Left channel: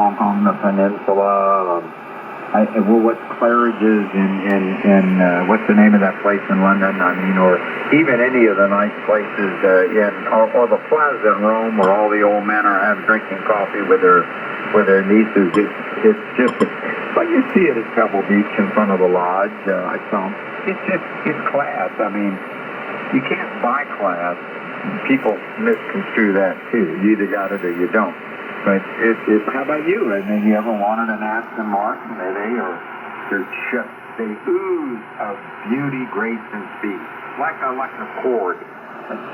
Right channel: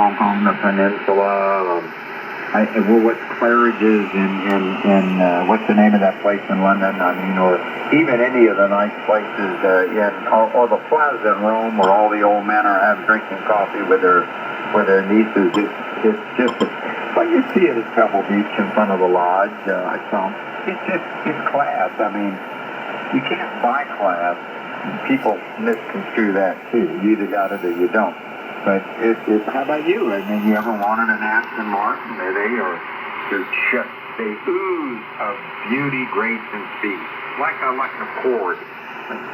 on the peninsula. What Claridge's in what's the name of that place in London? I mean, or even any of the nice places or the Plaza in Rome, where all the old men are drinking coffee with their nieces. It's just like you see it at Pebble Beach in front of the lodge. It's class. I mean, you can't buy class. People misconstrue that too. You either got it or you don't. But how about you? I mean, you ever wanted an Aston Martin? They ooze of beauty, grace, and speed. Like a Accord.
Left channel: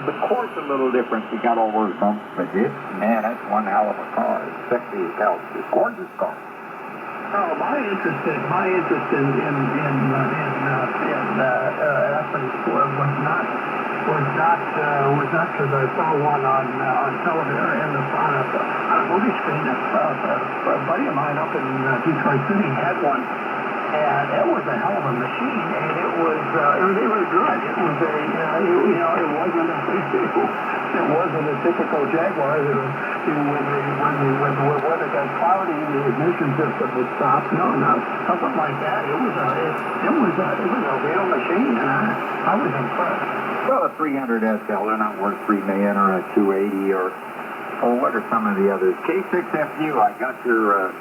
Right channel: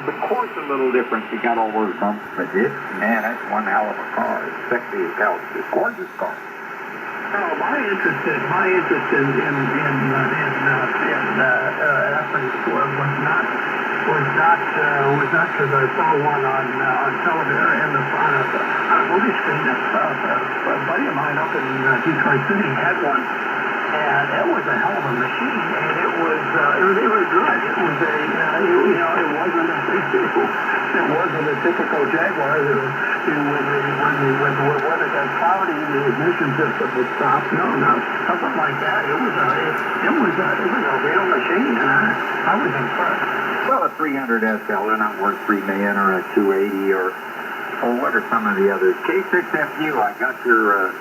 The Accord's a little different. You got all those bumps, but that's one hell of a car. It's sexy as hell. It's a gorgeous car. Oh, my interest in athletes was not because I saw one on television on a movie screen. A buddy of mine up in Detroit City had one, and it was a hell of a machine, and it was good. It was it wasn't a typical Jaguar. When the weather got cloudy, the ignition system would stop. No, something like that. It was a real machine, and I was impressed. Well, a 300 SL, they're not worth $3 million, or a 280, or what are some of the others? K6FU, I got your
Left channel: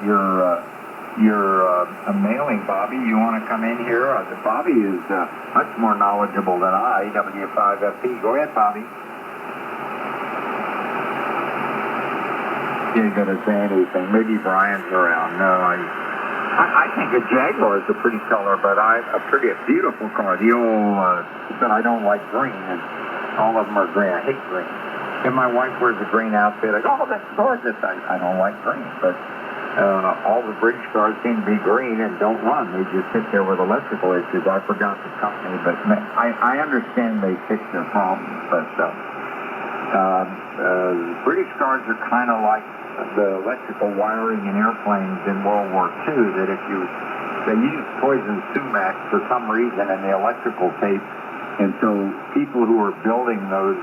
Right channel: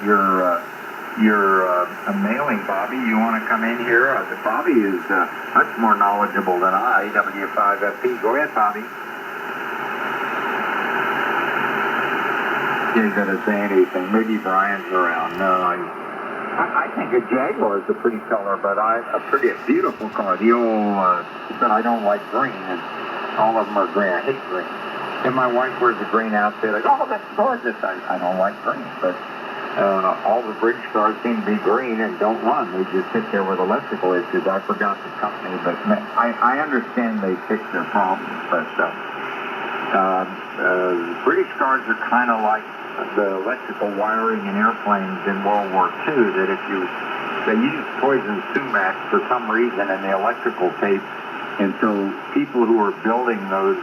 mailing, Bobby. You want to come in here? Bobby is much more knowledgeable than I. W5FP. Go ahead, Bobby. He ain't going to say anything. Maybe Brian's around. No, I think a Jaguar is a pretty color, but a beautiful car. The old, but I don't like green, and all of them are green. I hate green. If my wife wears a green outfit, I go, oh, that's gorgeous. I don't like green, but all the bridge stars seem to be green and don't run. They just sit there with electrical issues. I forgot the company, but I understand they fix their problems. But British cars are kind of like the electrical wiring in airplanes in World War II, that they used poison sumac for some reason in the electrical tape, and so people who were building those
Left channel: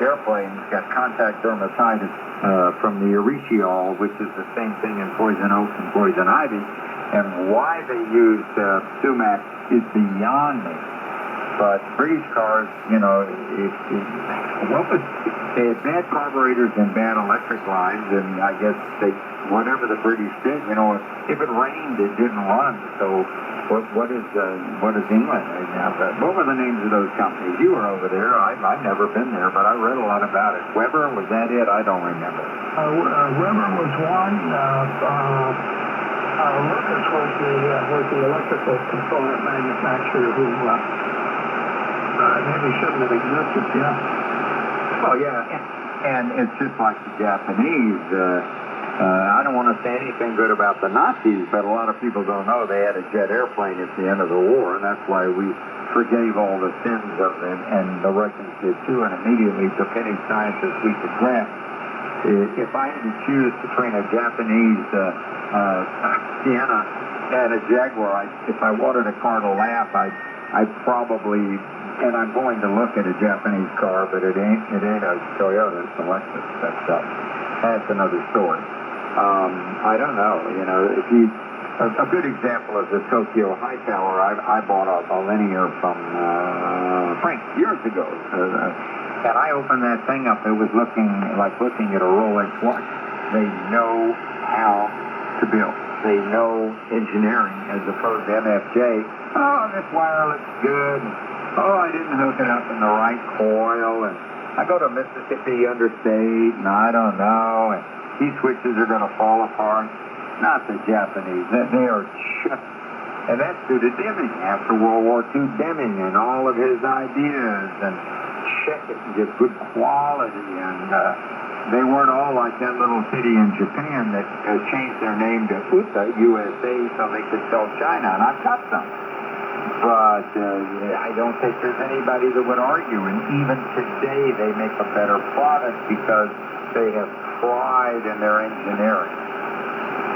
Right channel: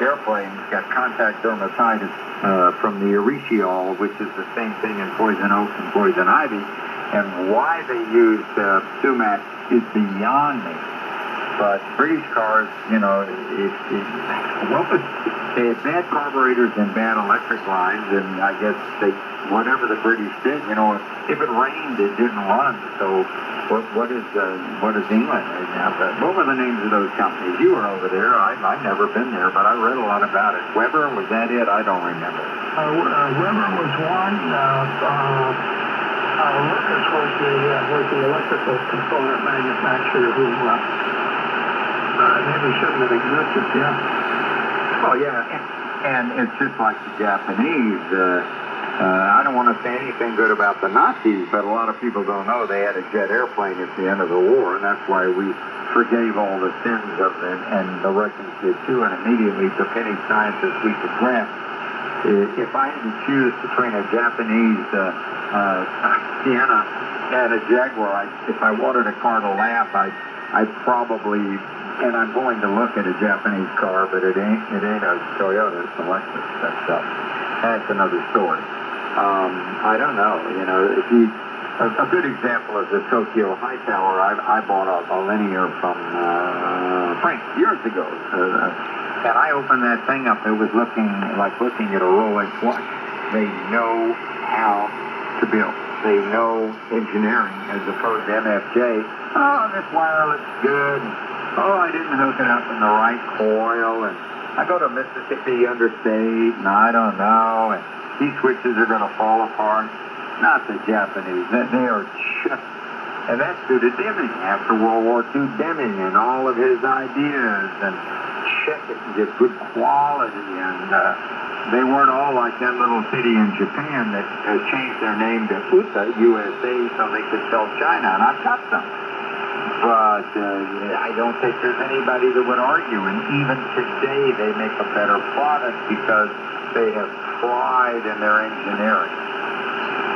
airplanes got contact dermatitis from the erythritol, which is the same thing in poison oak and poison ivy, and why they used sumac is beyond me. But British cars, they had bad carburetors and bad electric lines, and I guess whatever the British did, if it rained, it didn't run. So what is England right now? What were the names of those companies? You were over there. I've never been there, but I read a lot about it. Weber, was that it? I don't remember. Weber was one. Lucas was the electrical component manufacturer who maybe shouldn't have existed, yeah. Oh, yeah, and it's just like the Japanese. I don't want to say anything good about the Nazis, but a lot of people don't know they had a jet airplane at the end of the war, and that's why we forgave all the sins of it, and the Russians did too, and immediately took any scientist we could grant. If I had to choose between a Japanese Sienna and a Jaguar, if I wanted a car to laugh, I'd probably, and I'm going to look at a Japanese car, but it ain't a Toyota, it's a Lexus. That's another story. I don't know, a good example is the Tokyo High Tower. I bought a linear from Frank years ago, and I opened that thing up. It was looking at a Rolex watch. They know how to build. They know engineering as opposed to MFJ. Oh, this wire looks good. Oh, I didn't hook it up in the right coil, and I go to Mississippi Interstate, and I don't know, and these switches are going to fall apart. Not the Japanese. They are just, and that suited Deming after World War II. Deming and all of his ideas, and check it and get good quality, and they weren't all like that little city in Japan that changed their name to USA, so they could sell China, and I've got some. But I don't think there's anybody that would argue, and even today they make a better product because they have pride in their engineering.